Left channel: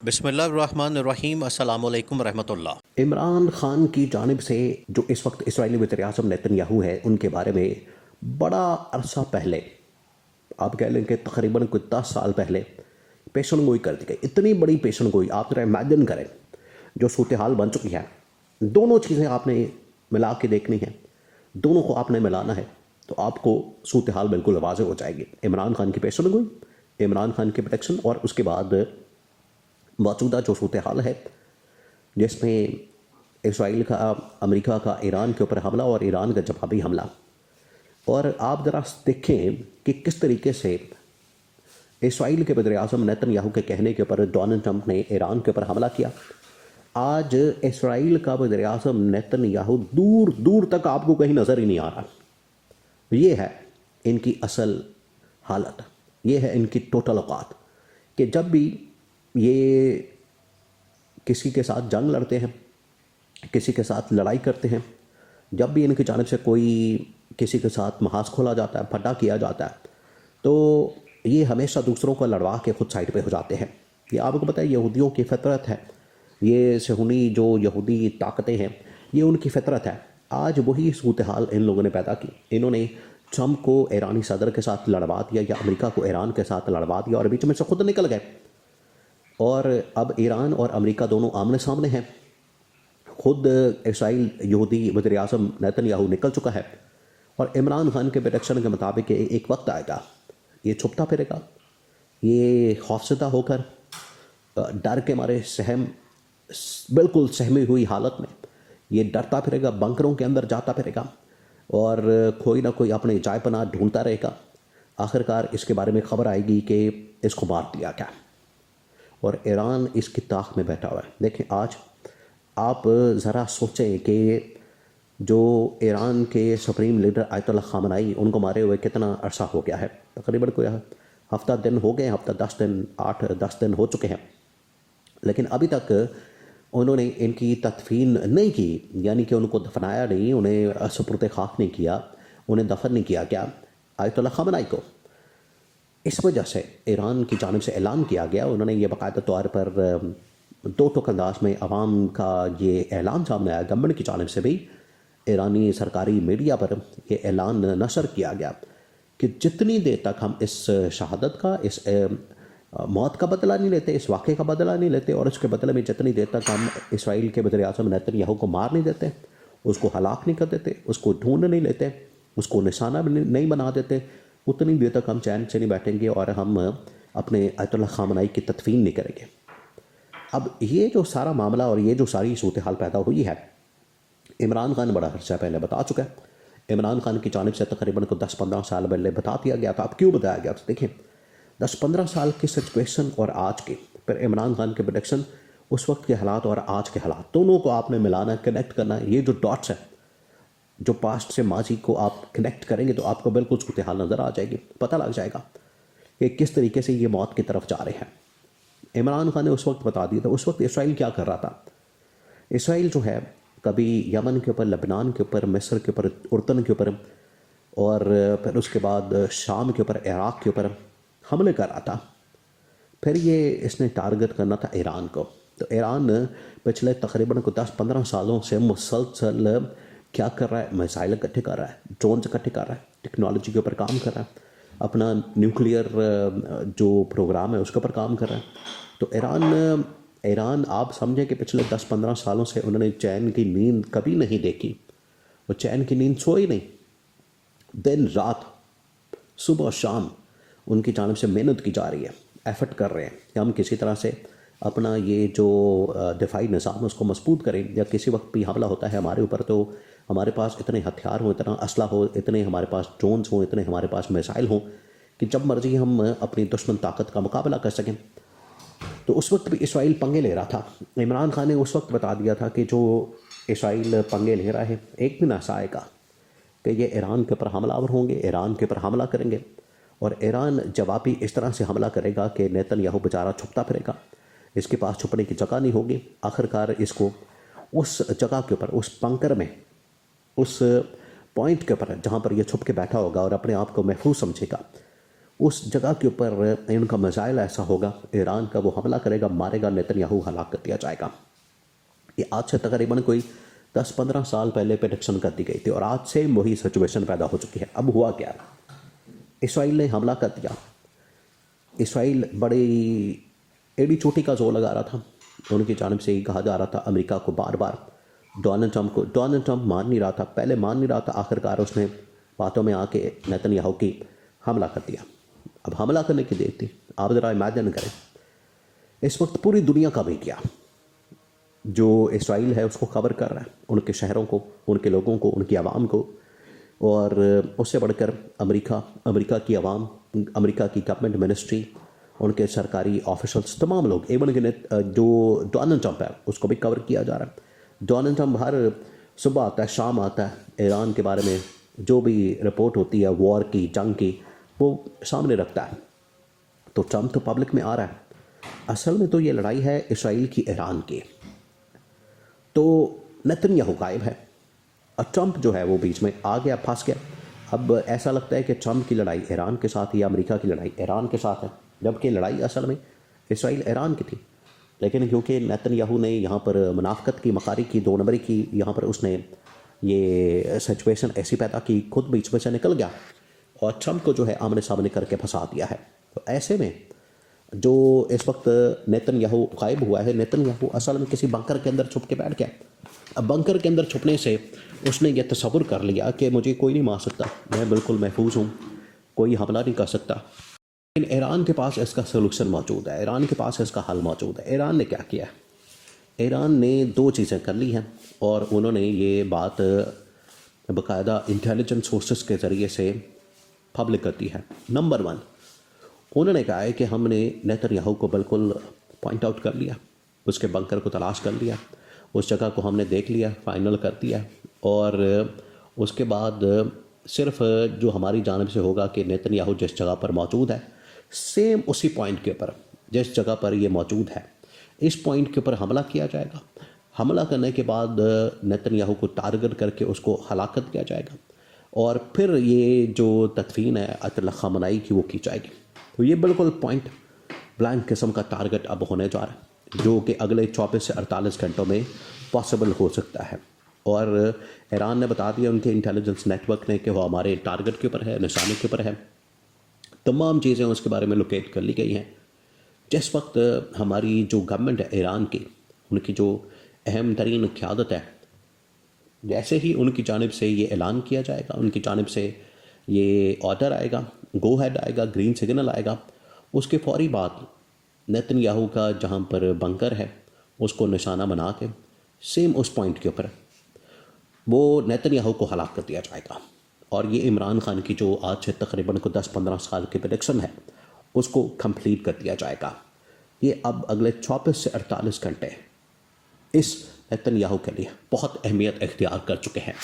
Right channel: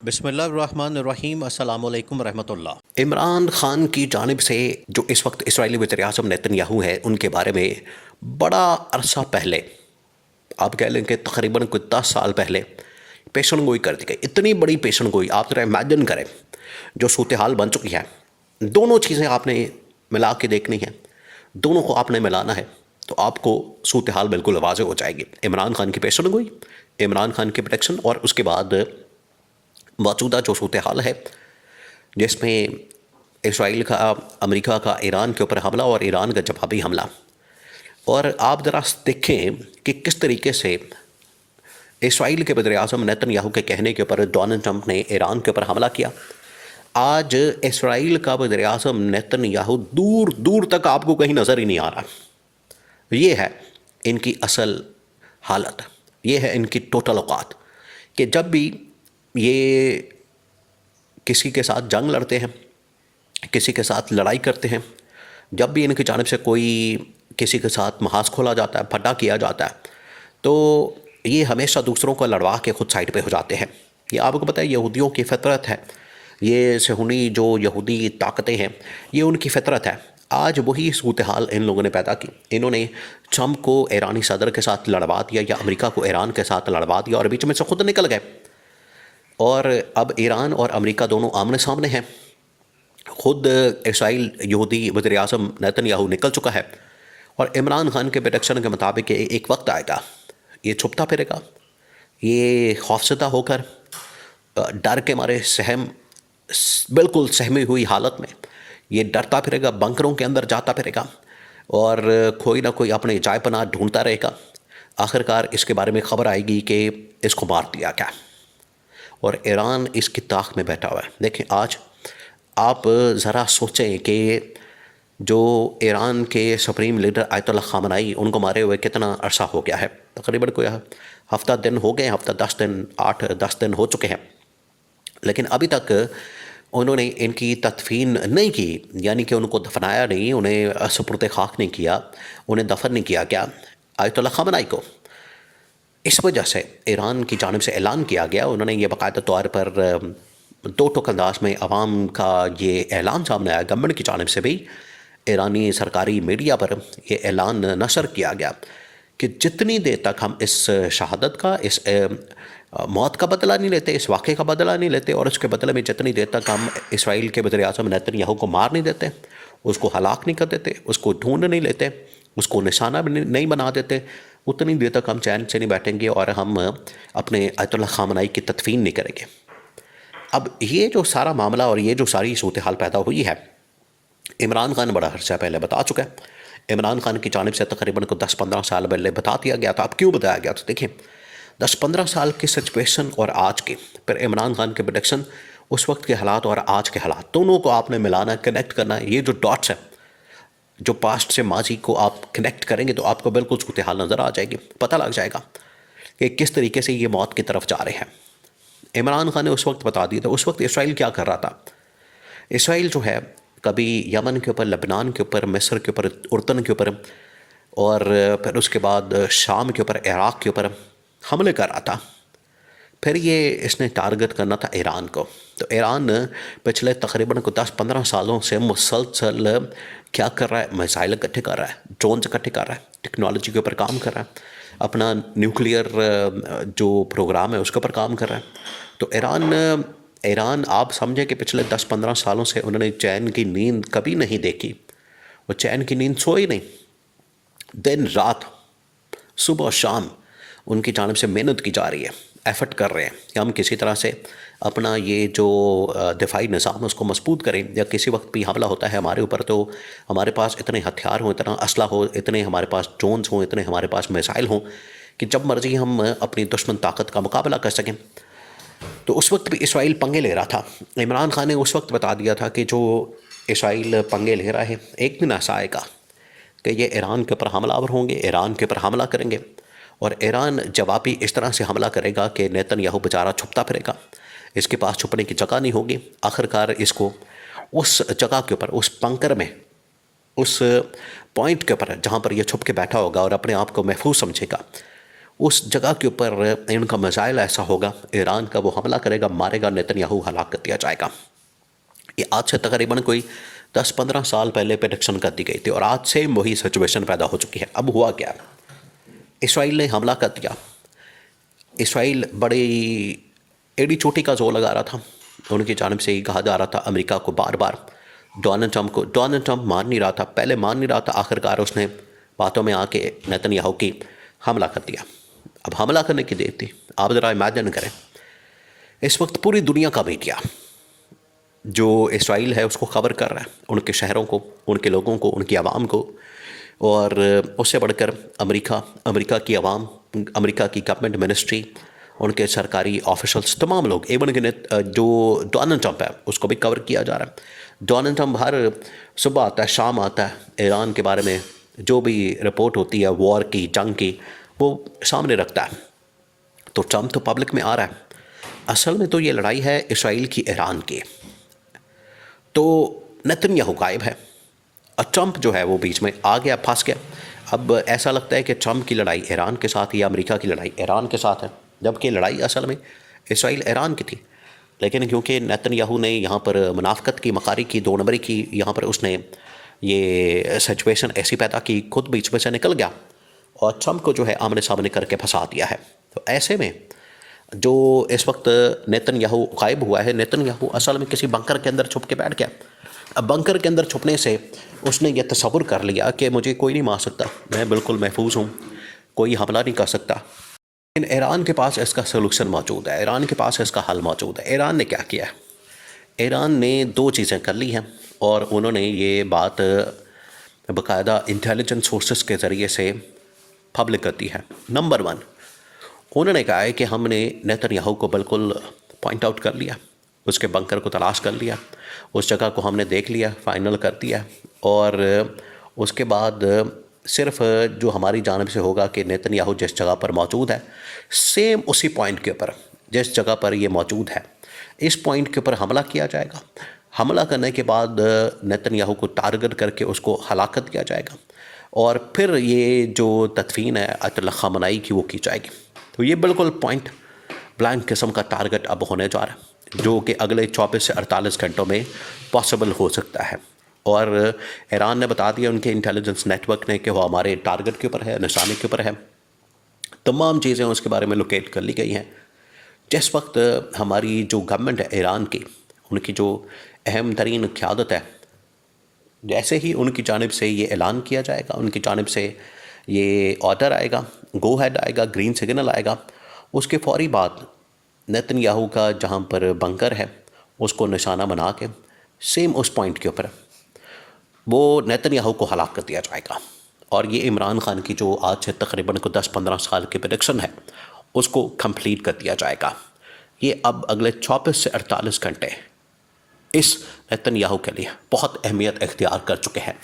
बिस्मिल्लाहिर्रहमानिर्रहीम अस्सलाम वालेकुम रहमतुल्लाह। इमरान खान की जानिब से जो इस वक्त इसराइली वज़ीर-ए-आज़म नेतन्याहू हैं, उनके बारे में बड़ा अरसा पहले, आप कह लें कि तकरीबन कोई 10 साल पहले पेशन गोई कर दी गई। इतनी बड़ी पेशन गोई, आप ज़रा इमेजिन करें जो सूरत हाल बन चुकी है। दोनों चीज़ें आपने मिला के देखनी है, दोनों को आपने मिलाना है, तो आपको सूरत हाल बिल्कुल वाज़ेह हो जाएगी। इमरान खान की पेशन गोई, इमरान खान की प्रोटेक्शन और उसके बाद मौजूदा जो सूरत हाल है जिसमें इसराइल का, अमेरिका का ईरान के ऊपर हमला और ईरान का जवाबी हमला। और आप ज़रा देखें कि किस तरीके से इसराइल के वज़ीर-ए-आज़म नेतन्याहू के कहने के ऊपर डोनाल्ड ट्रंप ने ईरान के ऊपर हमला किया। आज इसराइल का वज़ीर-ए-आज़म नेतन्याहू दूर दूर तक आपको कहीं नज़र ही नहीं आ रहा। ये है इनकी असल हालत, ये है इनकी टोटल औकात कि जब भी ये किसी के साथ जंग लड़ते हैं, किसी के साथ लड़ाई करते हैं, जब भी इनकी जानिब से कोई किसी के साथ महाज खोला जाता है, फड्डा किया जाता है, तो ये हमेशा दूसरों को लड़वा के खुद साइड पे हो जाते हैं। ये आपको पता है यहूदियों की फ़ितरत है, ये सहूनी जो यहूदी ताकतें हैं, ये उनकी फ़ितरत है। आज वही सूरत हाल इन लोगों ने पैदा की। इन्होंने ट्रंप को ईरानी सदर के साथ लड़वा दिया या अमेरिका को ईरान के साथ लड़वा दिया और बीच में से खुद निकल गए। और अब ईरान और अमेरिका दोनों आमने सामने हैं। खुद इसराइल यहूदी वज़ीर-ए-आज़म नेतन्याहू निकल चुका है और इमरान खान के प्रेडिक्शन के मुताबिक एक वक्त आएगा, ये छुपता फिरेगा, ये खौफज़दा होकर डर के मारे बिल्कुल सहमी हुई हालत में ये डरता फिरेगा, बंकरों के अंदर जाता फिरेगा और कोई ना कोई अपने जाए पनाह ढूंढता रहेगा। आखिरकार इसके बारे में खबर आएगी कि इसको मार दिया गया और ईरान इसकी ताक में बैठा हुआ है। देखें, आज आप ज़रा सोचें कि जो ईरान के सुप्रीम लीडर आयतुल्लाह ख़ामेनी, उनको मारे हुए कितना अरसा हो गया है। तकरीबन कोई हफ़्ता दिन हो गए, हफ़्ता 10 दिन, 8-10 दिन हो चुके हैं, लेकिन अभी तक उन्होंने इनकी तदफीन नहीं की, यानी कि उनको दफनाया नहीं, उन्हें सुपुर्द खाक नहीं किया, उन्हें दफन नहीं किया गया आयतुल्लाह ख़ामेनी को। इस वजह से ईरान की जानिब से ऐलान किया गया, उन्होंने ये बाकायदा तौर पर दो टुक अंदाज में अवाम का ये ऐलान सामने आया, गवर्नमेंट की जानिब से भी ईरानी सरकारी मीडिया पर यह ऐलान नशर किया गया कि जितनी देर तक हम इस शहादत का, इस मौत का बदला नहीं लेते, इस वाक़े का बदला नहीं लेते और उसके बदले में जितनी देर तक हम इसराइल के वज़ीर-ए-आज़म नेतन्याहू को मार नहीं देते, उसको हलाक नहीं कर देते, उसको ढूंढ नहीं लेते, उसको निशाना भी नहीं बना देते, उतनी देर तक हम चैन से नहीं बैठेंगे और हम अपने आयतुल्लाह ख़ामेनी की तदफीन नहीं करेंगे। अब ये जो सारा मामला और ये जो सारी सूरत हाल पैदा हुई है, इमरान खान बड़ा अर्सा पहले बता चुका है। इमरान खान की जानिब से तकरीबन को 10-15 साल पहले बता दिया गया था। अब क्यों बताया गया था? देखिए, 10-15 साल की सिचुएशन और आज की, फिर इमरान खान के प्रेडिक्शन, उस वक्त के हालात और आज के हालात, दोनों को आपने मिलाना, कनेक्ट करना है। ये जो डॉट्स हैं, जो पास्ट से माजी को आप कनेक्ट करेंगे तो आपको बिल्कुल सूरत हाल नज़र आ जाएगी, पता लग जाएगा कि किस तरीके से ये मौत की तरफ जा रहे हैं। इमरान खान ने उस वक्त बता दिया था। उस वक्त इसराइल क्या कर रहा था? इसराइल जो है कभी यमन के ऊपर, लबनान के ऊपर, मिस्र के ऊपर, उर्दन के ऊपर और फिर उसके बाद शाम के ऊपर, इराक़ के ऊपर हमले कर रहा था। फिर ये इसने टारगेट करना था ईरान को। तो ईरान पिछले तकरीबन को 10-15 सालों से मुसलसल क्या कर रहा है? मिसाइल इकट्ठे कर रहा है, ड्रोन्स इकट्ठे कर रहा है, टेक्नोलॉजी के ऊपर काम कर रहा है, अपना न्यूक्लियर जो प्रोग्राम है उसके ऊपर काम कर रहा है। तो ईरान आप समझे कि पिछले 10-15 सालों से उन्होंने चैन की नींद कभी नहीं देखी। वो चैन की नींद सोई नहीं, दिन रात, सुबह शाम उनकी जानिब से मेहनत की जा रही है, एफर्ट कर रहे हैं कि हम किसी तरह से अपना ये जो दिफाई निज़ाम है उसको मजबूत करें, या किसी वक्त भी हमला होता है हमारे ऊपर तो हमारे पास इतने हथियार हों, इतना असला हो, इतने हमारे पास ड्रोन्स हों, इतने हमारे पास मिसाइल हों कि जब मर्जी हम अपनी दुश्मन ताकत का मुकाबला कर सकें। तो उस वक्त भी इसराइल पंगे ले रहा था। इमरान खान ने उस वक्त बता दिया था कि जो इसराइल पंगे ले रहा है, एक दिन ऐसा आएगा कि ये ईरान के ऊपर हमलावर होंगे, ईरान के ऊपर हमला करेंगे और ईरान जवाबी इस तरह से हमला करेगा कि नेतन्याहू बेचारा छुपता फिरेगा, इसके पास छुपने की जगह नहीं होगी। आखिरकार इसको उस जगह के ऊपर, उस बंकर में, उस पॉइंट के ऊपर जहाँ पर यह छुप के बैठा होगा और अपने आप को महफूज समझेगा, उस जगह के ऊपर इनका मिसाइल ऐसा होगा, ईरान का वो हमला करेगा, मारेगा, नेतन्याहू हलाक कर दिया जाएगा। ये आज से तकरीबन कोई 10-15 साल पहले प्रेडिक्शन कर दी गई थी और आज सेम वही सिचुएशन पैदा हो चुकी है। अब हुआ क्या, इसराइल ने हमला कर दिया। इसराइल बड़ी एड़ी चोटी का जोर लगा रहा था, उनकी जानिब से ही कहा जा रहा था अमेरिका को बार बार, डोनाल्ड ट्रंप मान नहीं रहा था, पहले मान नहीं रहा था, आखिरकार उसने बातों में आके नेतन्याहू की हमला कर दिया। अब हमला करने की देर थी। आप ज़रा इमेजिन करें, इस वक्त पूरी दुनिया का मीडिया जो इसराइल है उसको खबर कर रहा है, उनके शहरों को, उनके लोगों को, उनकी आवाम को, और उससे बढ़कर अमेरिका की आवाम, अमेरिका की गवर्नमेंट मिनिस्ट्री, उनके सरकारी ऑफिशल्स, तमाम लोग, एवन के जो डोनाल्ड ट्रंप है उसको भी कवर किया जा रहा है। डोनाल्ड ट्रंप हर सुबह आता है, शाम आता है, ईरान के बारे में जो भी रिपोर्ट होती है वॉर की, जंग की, वो सामने रखता है। तो ट्रंप तो पब्लिक में आ रहा है। असल में तो ये लड़ाई है इसराइल की ईरान की। तो नेतन्याहू गायब है और ट्रंप जो है वो बीच में आ गया, फंस गया। अब ऐसा लगता है कि ट्रंप की लड़ाई ईरान के साथ या अमेरिका की लड़ाई ईरान के साथ है, जबकि लड़ाई असल में इसराइल ईरान की थी। लेकिन क्योंकि नेतन्याहू ने यहाँ पर मुनाफकत की, मकारी की, 2 नंबरी की, यहाँ पर उसने ये सिचुएशन ऐसी पैदा की, खुद बीच में से निकल गया और ट्रंप को जो है आमने सामने करके फंसा दिया है। तो ऐसे में जो इस वक्त नेतन्याहू गायब हुआ है, नेतन्याहू असल में किसी बंकर के अंदर छुप के बैठ गया। अब बंकर के अंदर छुपने से उसने ये तसव्वुर कर लिया कि मुझे कोई नहीं मार सकता, मैं बिल्कुल महफूज हूँ, कोई हमला नहीं कर सकता। लेकिन ईरान के पास इसका सलूशन मौजूद है, ईरान के पास इसका हल मौजूद है। ईरान ने क्या किया है, ईरान ने 2 चीज़ें कर ली हैं और उन्होंने ये बात बाकायदा इंटेलिजेंस सोर्सेस के ज़रिए से पब्लिक करती है। नंबर 1, उन्होंने कहा है कि हमने नेतन्याहू को बिल्कुल पॉइंट आउट कर लिया, उसके बंकर को तलाश कर लिया, उस जगह को हमने देख लिया, फाइनल कर दिया, और उसके बाद सिर्फ जो हमारी जानिब से होगा कि नेतन्याहू जिस जगह पर मौजूद है, सेम उसी पॉइंट के ऊपर जिस जगह पर ये मौजूद है, इस पॉइंट के ऊपर हमला किया जाएगा। हमला करने के बाद नेतन्याहू को टारगेट करके उसको हलाकत किया जाएगा और फिर ये जो तदफीन है अयतुल्लाह ख़ामेनी की वो की जाएगी। तो ये बिल्कुल पॉइंट ब्लैंक किस्म का टारगेट अब होने जा रहा है, जो कि अगले 24 से 48 घंटों में पॉसिबल हो सकता है। और ईरान ने बता दिया, उनके इंटेलिजेंस नेटवर्क ने, कि वो हमारे टारगेट के ऊपर है, निशाने के ऊपर है। तमाम चीज़ें उसके बारे में लोकेट कर ली गई हैं। जिस वक्त हमारी जो गवर्नमेंट है ईरान की, उनकी जो अहम तरीन क़यादत है, जैसे ही उनकी जानिब से ये ऐलान किया जाएगा, उनकी जानिब से ये ऑर्डर आएगा, गो हेड आएगा, ग्रीन सिग्नल आएगा, उसके फौरी बाद नेतन्याहू का जहाँ पर बंकर है उसको निशाना बना के सेम उस पॉइंट के ऊपर वो नेतन्याहू को हलाक कर दिया जाएगा। और ये इमरान खान की जो आज से तकरीबन को 10-15 साल की प्रेडिक्शन है उसको कंप्लीट कर दिया जाएगा। ये अब अगले 24 से 48 घंटे इस नेतन्याहू के लिए बहुत अहमियत इख्तियार कर चुके हैं।